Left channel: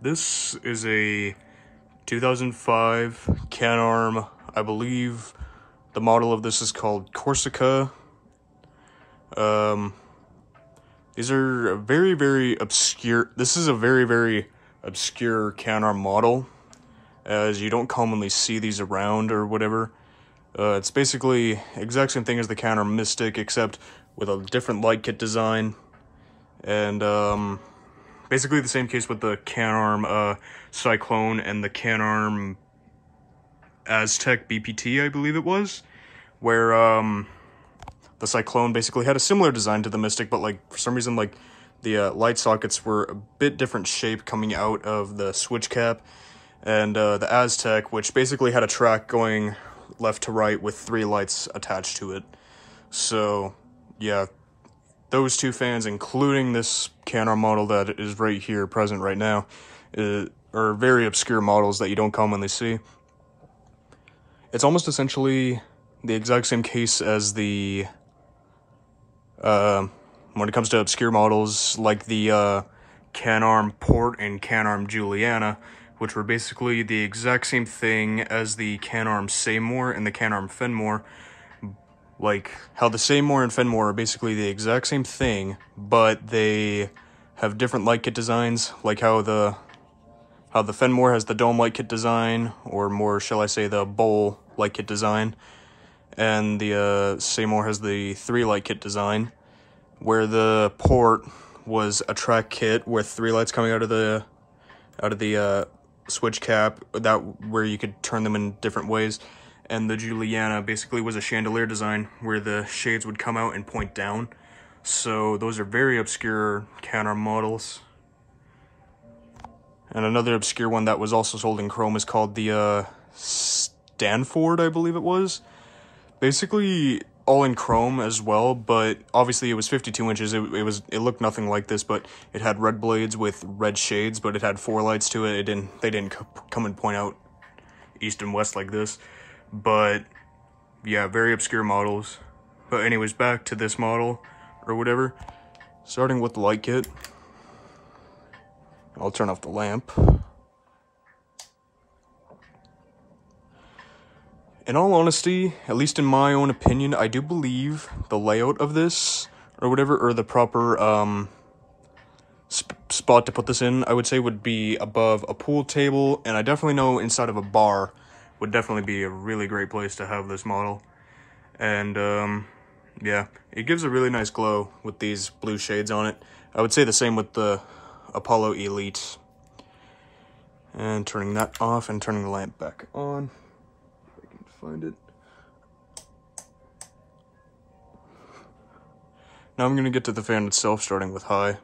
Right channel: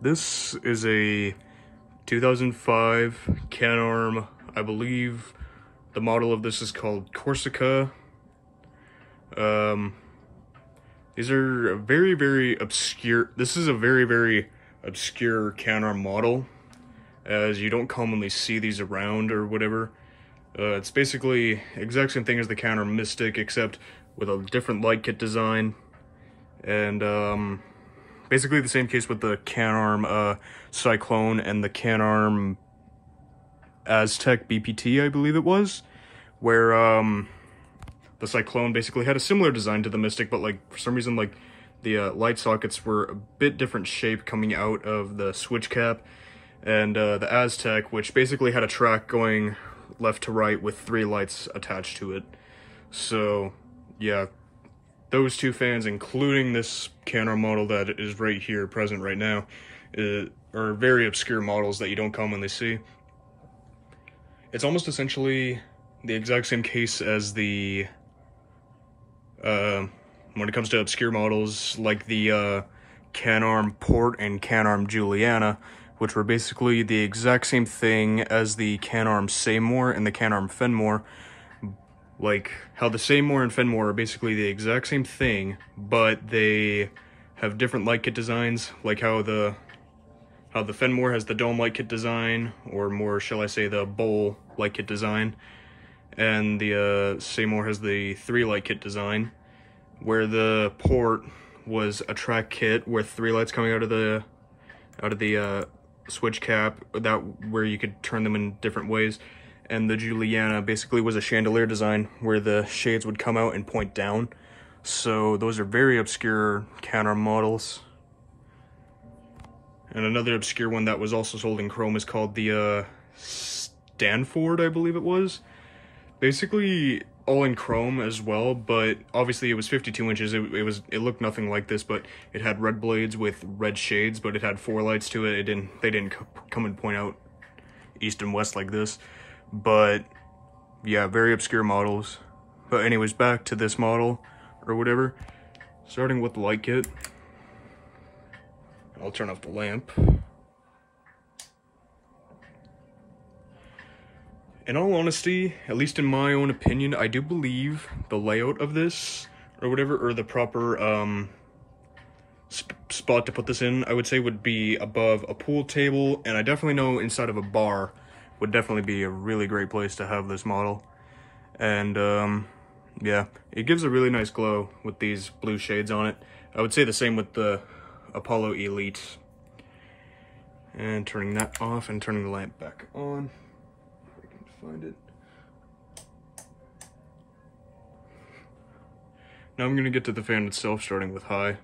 This is a 2005 Canarm. I believe the model of this is called Corsica. These are very, very obscure. This is a very, very obscure Canarm model, as you don't commonly see these around or whatever. It's basically exact same thing as the Canarm Mystic, except with a different light kit design. And basically the same case with the Canarm Cyclone and the Canarm Aztec BPT, I believe it was, where the Cyclone basically had a similar design to the Mystic, but like for some reason like the light sockets were a bit different shape coming out of the switch cap, and the Aztec, which basically had a track going left to right with 3 lights attached to it. So yeah, those two fans, including this Canarm model that is right here present right now, are very obscure models that you don't commonly see. It's almost essentially the exact same case as the when it comes to obscure models like the Canarm Port and Canarm Juliana, which were basically the exact same thing as the Canarm Seymour and the Canarm Fenmore. Like how the Seymour and Fenmore are basically the exact same thing, but they have different light kit designs, like how the Fenmore has the dome light kit design, or more shall I say the bowl light kit design, and the Seymour has the 3 light kit design, where the Port was a track kit with 3 lights coming out of the switch cap, that where you could turn them in different ways. And the Juliana basically was a chandelier design where the shades would come out and point down. So those are very obscure Canarm models. And another obscure one that was also sold in chrome is called the Stanford, I believe it was. Basically all in chrome as well, but obviously it was 52 inches. It looked nothing like this, but it had red blades with red shades, but it had 4 lights to it. They didn't come and point out east and west like this. But yeah, very obscure models. But anyways, back to this model or whatever. Starting with the light kit. I'll turn off the lamp. In all honesty, at least in my own opinion, I do believe the layout of this or whatever, or the proper spot to put this in, I would say would be above a pool table, and I definitely know inside of a bar would definitely be a really great place to have this model. And yeah, it gives a really nice glow with these blue shades on it. I would say the same with the Apollo Elite. And turning that off and turning the lamp back on, if I can find it. Now I'm gonna get to the fan itself, starting with high.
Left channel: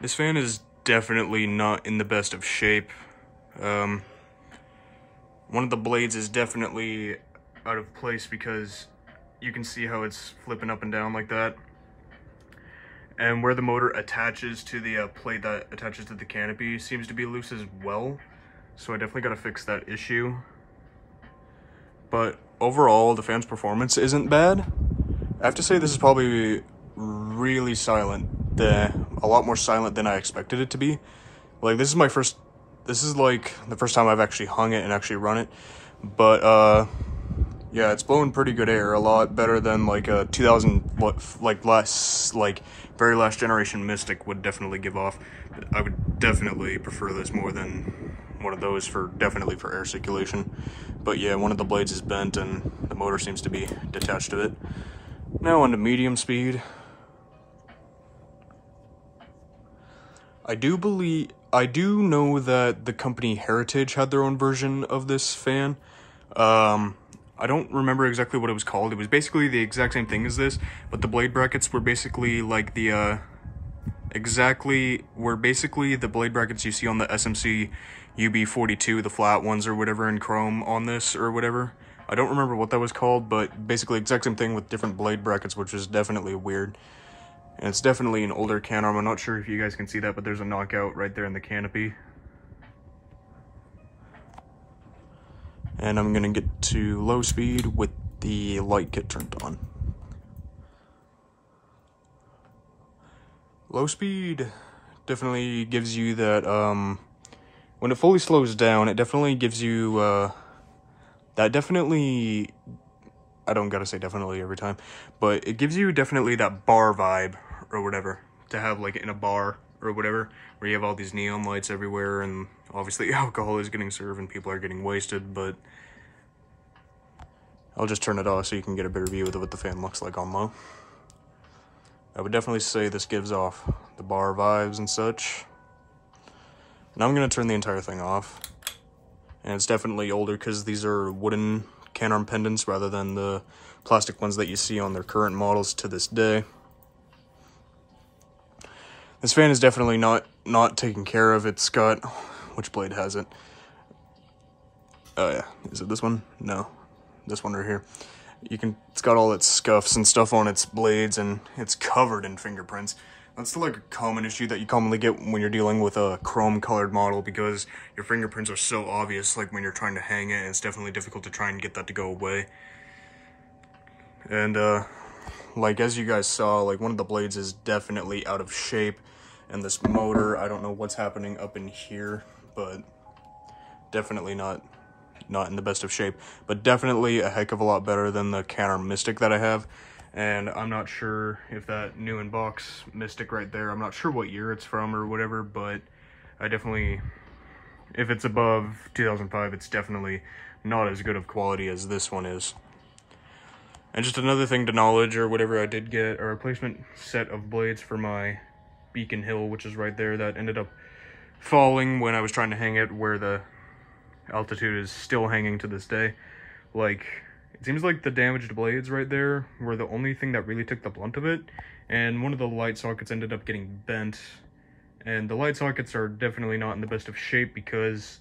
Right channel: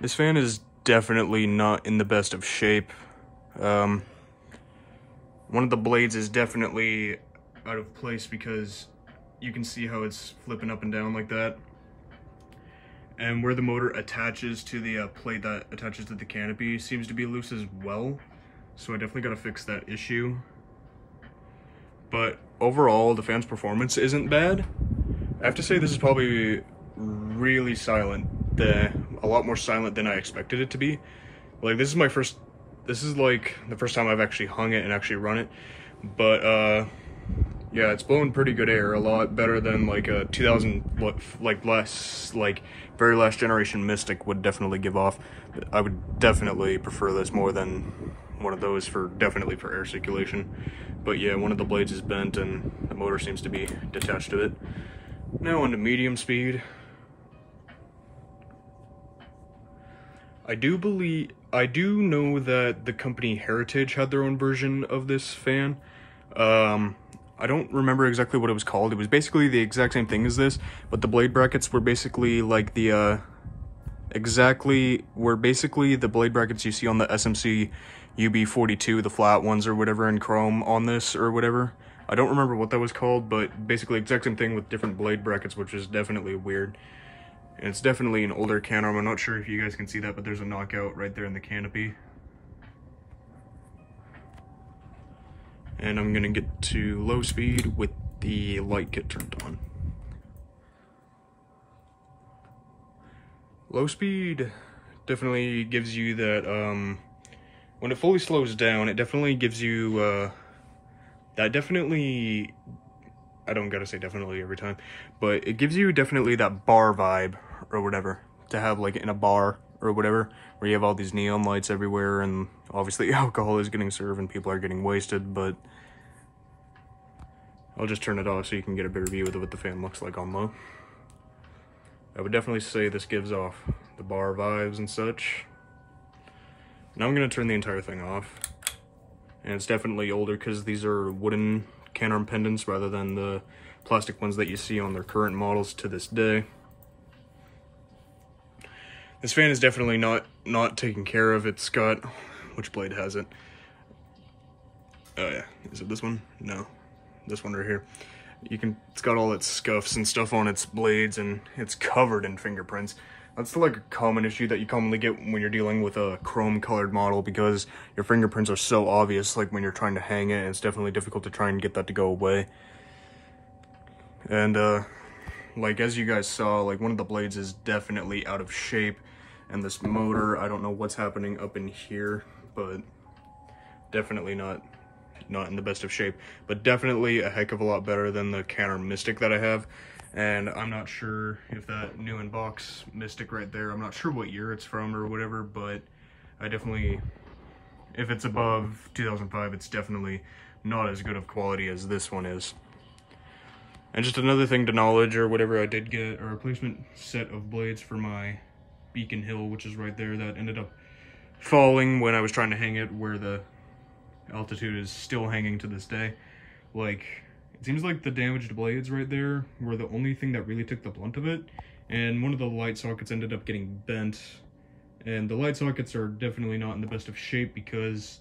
This fan is definitely not in the best of shape. One of the blades is definitely out of place because you can see how it's flipping up and down like that. And where the motor attaches to the plate that attaches to the canopy seems to be loose as well. So I definitely gotta fix that issue. But overall, the fan's performance isn't bad. I have to say this is probably really silent. A lot more silent than I expected it to be. Like this is like the first time I've actually hung it and actually run it. But yeah, it's blowing pretty good air, a lot better than like a very last generation Mystic would definitely give off. I would definitely prefer this more than one of those definitely for air circulation. But yeah, one of the blades is bent and the motor seems to be detached to it. Now on to medium speed. I do know that the company Heritage had their own version of this fan. I don't remember exactly what it was called. It was basically the exact same thing as this, but the blade brackets were basically like the blade brackets you see on the SMC UB42, the flat ones or whatever in chrome on this or whatever. I don't remember what that was called, but basically exact same thing with different blade brackets, which is definitely weird. And it's definitely an older Canarm. I'm not sure if you guys can see that, but there's a knockout right there in the canopy. And I'm gonna get to low speed with the light kit turned on. Low speed definitely gives you that, when it fully slows down, it definitely gives you, that definitely, I don't gotta say definitely every time, but it gives you definitely that bar vibe or whatever, to have like in a bar or whatever, where you have all these neon lights everywhere and obviously alcohol is getting served and people are getting wasted, but I'll just turn it off so you can get a better view of what the fan looks like on low. I would definitely say this gives off the bar vibes and such. Now I'm gonna turn the entire thing off. And it's definitely older because these are wooden Canarm pendants rather than the plastic ones that you see on their current models to this day. This fan is definitely not taken care of. It's got, which blade has it? Oh yeah, is it this one? No, this one right here. It's got all its scuffs and stuff on its blades and it's covered in fingerprints. That's like a common issue that you commonly get when you're dealing with a chrome colored model because your fingerprints are so obvious, like when you're trying to hang it, it's definitely difficult to try and get that to go away. And like as you guys saw, like one of the blades is definitely out of shape, and this motor, I don't know what's happening up in here, but definitely not in the best of shape, but definitely a heck of a lot better than the Canarm Mystic that I have. And I'm not sure if that new in box Mystic right there, I'm not sure what year it's from or whatever, but I definitely, if it's above 2005, it's definitely not as good of quality as this one is. And just another thing to knowledge or whatever, I did get a replacement set of blades for my Beacon Hill, which is right there, that ended up falling when I was trying to hang it where the altitude is still hanging to this day. Like, it seems like the damaged blades right there were the only thing that really took the blunt of it, and one of the light sockets ended up getting bent, and the light sockets are definitely not in the best of shape because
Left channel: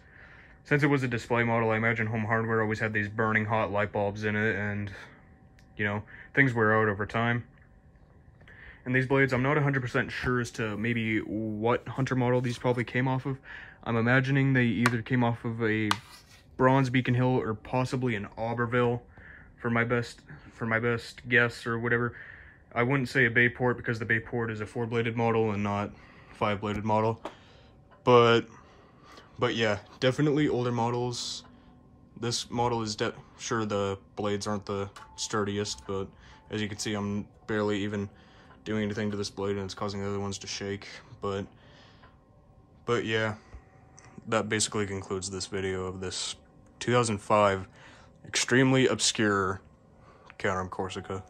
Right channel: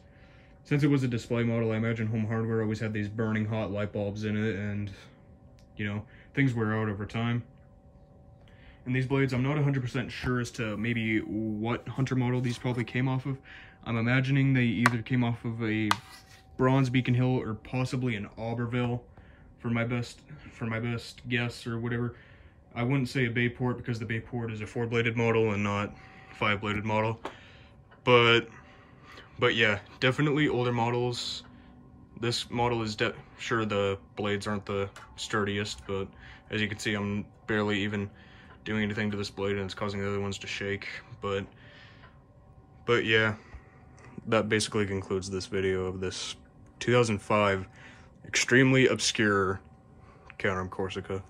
since it was a display model, I imagine Home Hardware always had these burning hot light bulbs in it, and you know, things wear out over time. And these blades, I'm not 100% sure as to maybe what Hunter model these probably came off of. I'm imagining they either came off of a bronze Beacon Hill or possibly an Auberville for my best guess or whatever. I wouldn't say a Bayport because the Bayport is a 4-bladed model and not 5-bladed model. But yeah, definitely older models. This model is sure the blades aren't the sturdiest, but as you can see, I'm barely even doing anything to this blade and it's causing the other ones to shake. But yeah, that basically concludes this video of this 2005 extremely obscure Canarm Corsica.